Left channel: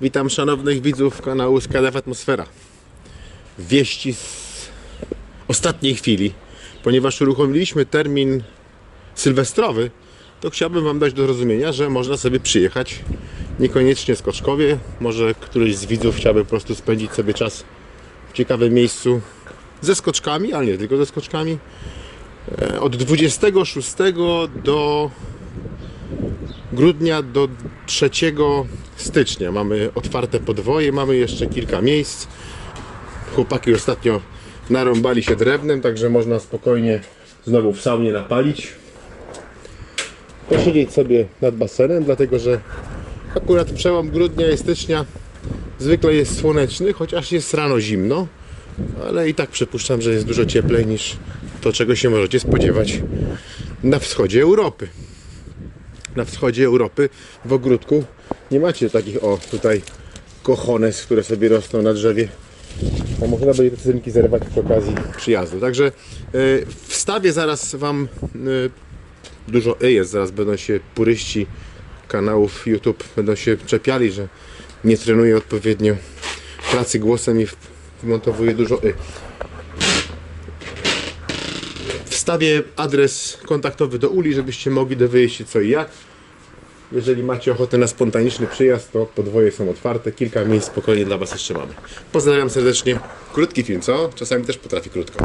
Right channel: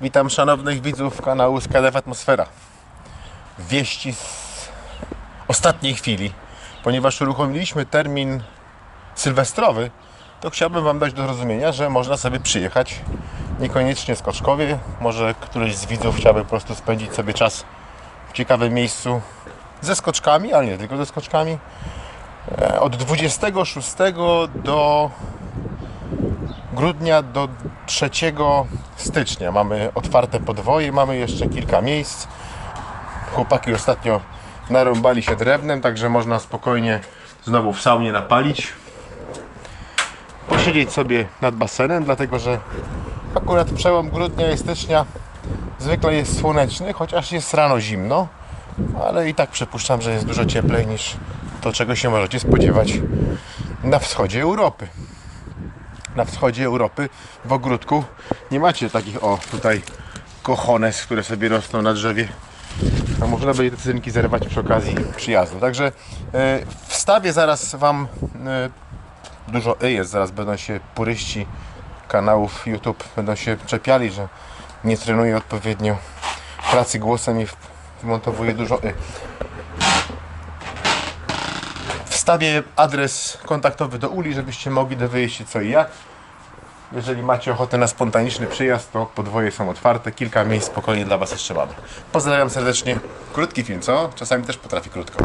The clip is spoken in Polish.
Witam szanownych widzów kanału Skadew Atmosfera. Wieści z ostatniej chwili, ponieważ uruchomiliśmy termin sylwestrowy, to chciałbym Wam dać do zrozumienia, że można sobie przyjechać niekoniecznie Skoczkowie. Może któryś z widzów chciałby po prostu spędzić sobie czas w ciekawym miejscu ze skoczkami, ale nie tylko ze skoczkami. E, Od 26 do grudnia do 3 stycznia mamy otwarte podwoje, mamy jeszcze kilka miejsc. Chłopaki ostatnio narąbali się drewnem, także można spokojnie znowu w saunie napalić. Posiedzieć sobie nad basenem, dlatego że akurat przełom grudnia i stycznia zwykle jest słoneczny, chociaż jest rano zimno, ale i tak przypuszczam, że jest dużo cieplej niż to, czego się możecie spodziewać na wschodzie Europy na wschodzie Europy w ogródku nie macie takich o tutaj kochones, które sobie rosną na drzewie. A można będzie te cynki zerwać przy okazji przyjazdu. Także yy, wstawię zaraz wam yy, dużo y jest, zaraz będą się puryści kanałów YouTube będą się czepiali, że nie trenuję odpowiednio pracy głosem i wmontowuję dużo y. Wstawię adres kontaktowy do Uli, żebyście mogli dowiedzieć się co i jak. Jeżeli macie ochotę na spontaniczny przyjazd, to podwoje są otwarte. Kilka miejsc spokojnie dla Was jeszcze mamy. Pozdrawiam serdecznie. Krótki film, co? Czasami też potrafi krótko.